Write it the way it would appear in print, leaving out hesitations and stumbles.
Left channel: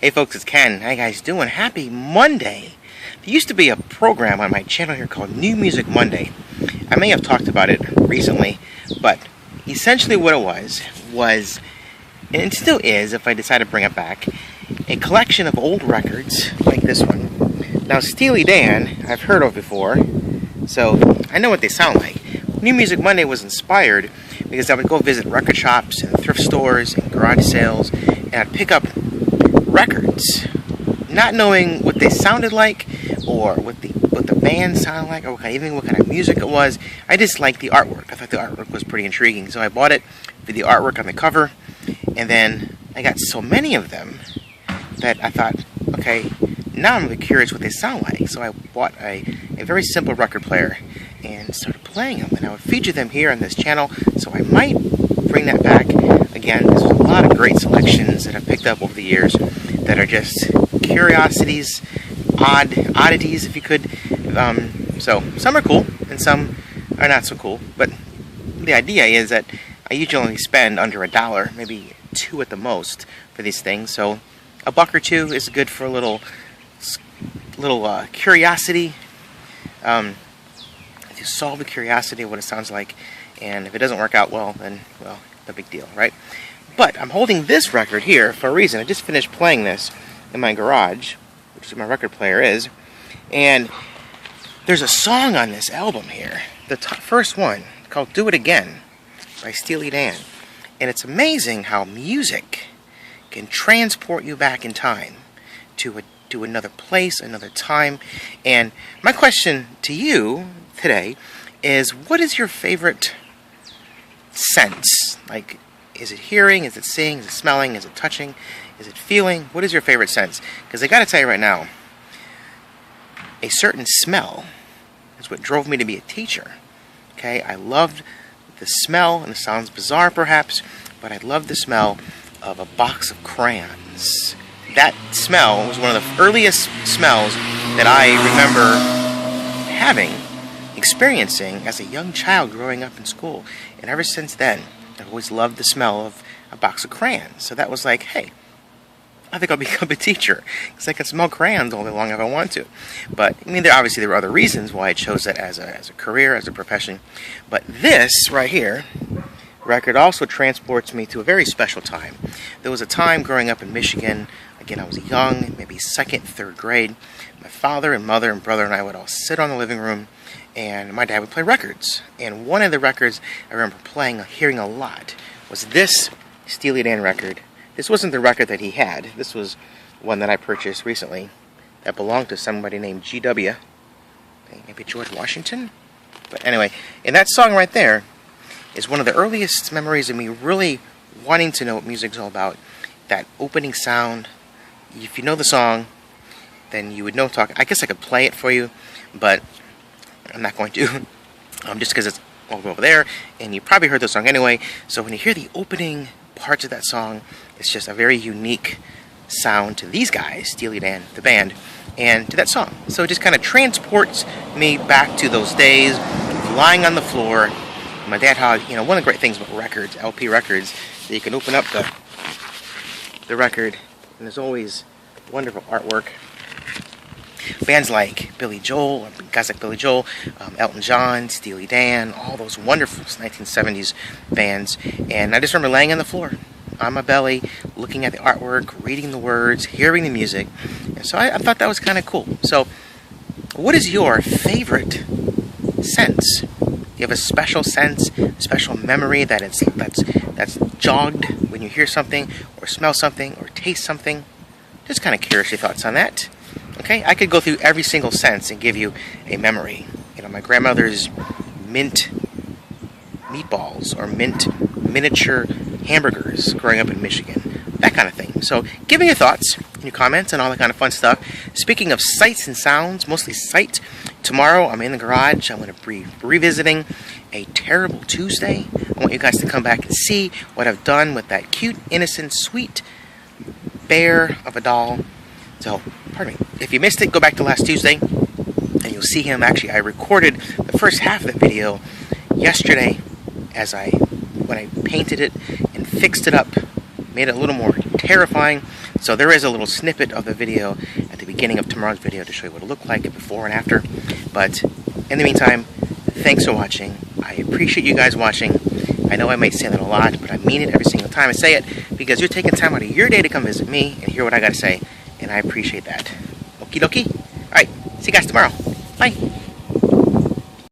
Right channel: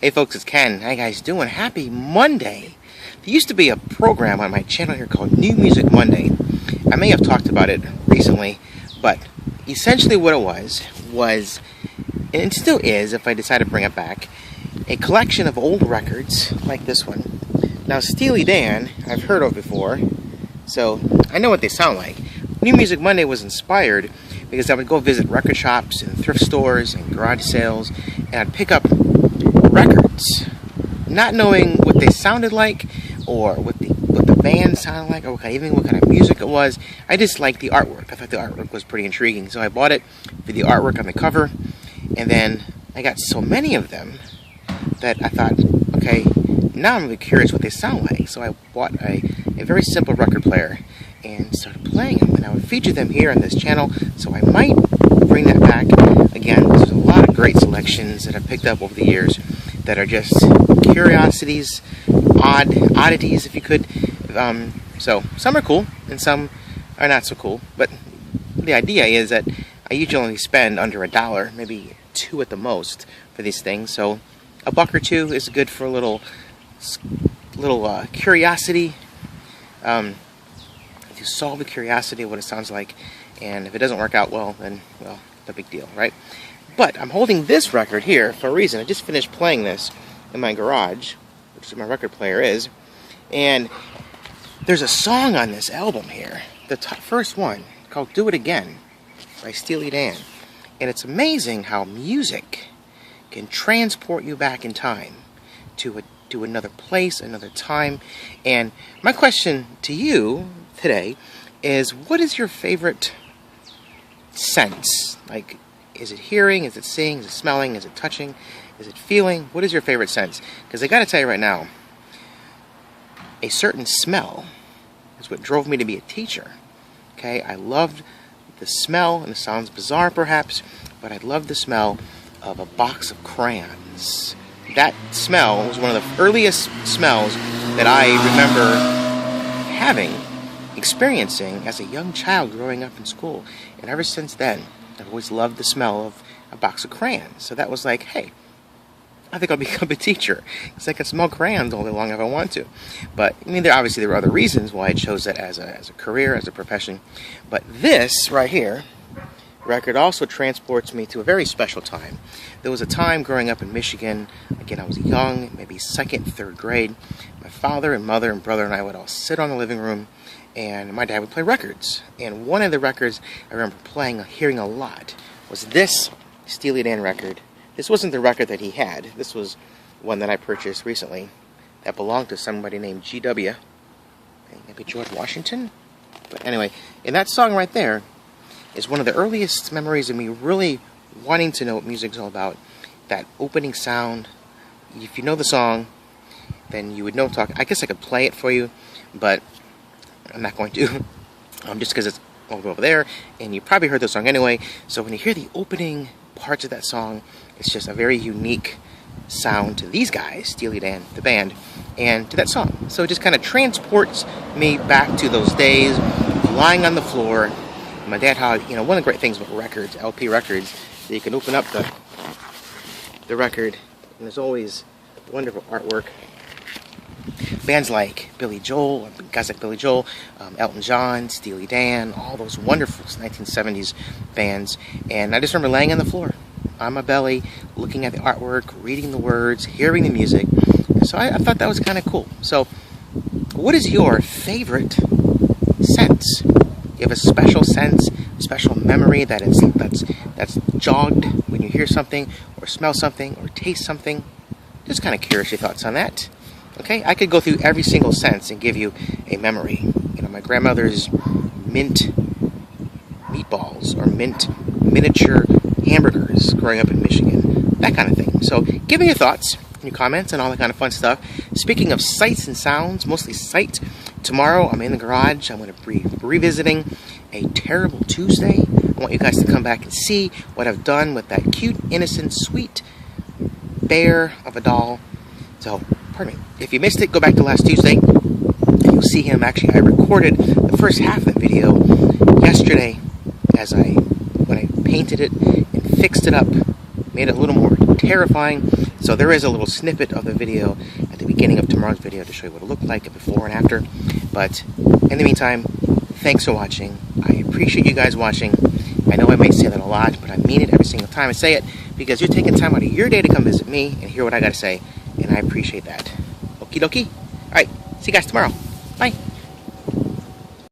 Hey folks, it's Ken. How you guys doing? Happy Monday! There used to be a program on my channel here called New Music Monday. I may have talked about it recently, but essentially what it was, and it still is if I decide to bring it back, a collection of old records like this one. Now Steely Dan, I've heard of before, so I know what they sound like. New Music Monday was inspired because I would go visit record shops and thrift stores and garage sales, and I'd pick up records, not knowing what they sounded like or what the band sounded like or even what kind of music it was. I just liked the artwork. I thought the artwork was pretty intriguing, so I bought it for the artwork on the cover, and then I got so many of them that I thought, okay, now I'm really curious what they sound like. So I bought a very simple record player and started playing them, and I would feature them here on this channel, so I might bring that back again. There's a lot of great selections that I've picked up over the years that are just curiosities, oddities if you could. So some are cool and some are not so cool, but the idea is that I usually only spend under $1, maybe $2 at the most for these things, so a buck or two is good for a little curiosity. To solve the curiosity of what it sounds like, and if it doesn't work out well, then, well, no big deal, right? But I'm holding this record here for a reason. I just finished playing this in my garage, which is where my record player is, and there's a song on this album here, the first one, called Do It Again by Steely Dan, and it's amazing how music can transport you back in time to another place, another time. And my question to you today is, what is your favorite sense? Like, is it hearing, is it seeing, is it smelling, is it touching, is it feeling? What is your favorite sense? Because I gotta tell you right now, a certain smell is what drove me to be a teacher. Okay, I loved the smell, and it sounds bizarre perhaps, but I loved the smell of a box of crayons. That smell was one of the earliest smells that I remember experiencing as a young child growing up in school. And ever since then, I've always loved the smell of a box of crayons. So that was like, hey, I think I'll become a teacher, because I can smell crayons all day long if I want to. But, I mean, there were other reasons why I chose that as a career, as a profession. But this right here, record, also transports me to a very special time. There was a time growing up in Michigan, again I was young, maybe 2nd, 3rd grade. My father and mother and brother and I would all sit on the living room, and my dad would play records. And one of the records I remember hearing a lot, was this Steely Dan record. This wasn't the record that he had. This was one that I purchased recently that belonged to somebody named G.W. Maybe George Washington? But anyway, and that song right there is one of the earliest memories of me really wanting to know what music's all about. That opening sound. If you know the song, then you would know I guess I could play it for you, but I'm not going to. Just because it's all over there, and you probably heard the song anyway. So when you hear the opening parts of that song, it's just a very unique sound to these guys, Steely Dan, the band, and to that song. So it just kind of transports me back to those days, lying on the floor. My dad had, one of the great things about records, LP records, that you can open up the record, and there's always wonderful artwork. Bands like Billy Joel, guys like Billy Joel, Elton John, Steely Dan, all those wonderful 1970s bands. And I just remember laying on the floor, on my belly, looking at the artwork, reading the words, hearing the music. And so I thought that was kind of cool. So, what is your favorite sense? Do you have a special sense, a special memory that's jogged when you hear something, or smell something, or taste something? Just kind of curious your thoughts on that. Okay, I could go through every single sense and give you a memory. My grandmother's mint meatballs, or miniature hamburgers growing up in Michigan, that kind of thing. So give me your thoughts, your comments, and all that kind of fun stuff. Speaking of sights and sounds, mostly sight, tomorrow I'm in the garage. I'm going to be revisiting A Terrible Tuesday. I want you guys to come back and see what I've done with that cute, innocent, sweet bear of a doll. So, pardon me, if you missed it, go back to last Tuesday, and you'll see him. Actually, I recorded the first half of the video yesterday when I painted it and fixed it up, made it a little more terrifying. So there is a little snippet of the video at the beginning of tomorrow's video to show you what it looked like before and after. But in the meantime, thanks for watching. I appreciate you guys watching. I know I may say that a lot, but I mean it every single time I say it, because you're taking time out of your day to come visit me and hear what I got to say, and I appreciate that. Okie dokie. All right, see you guys tomorrow. Bye.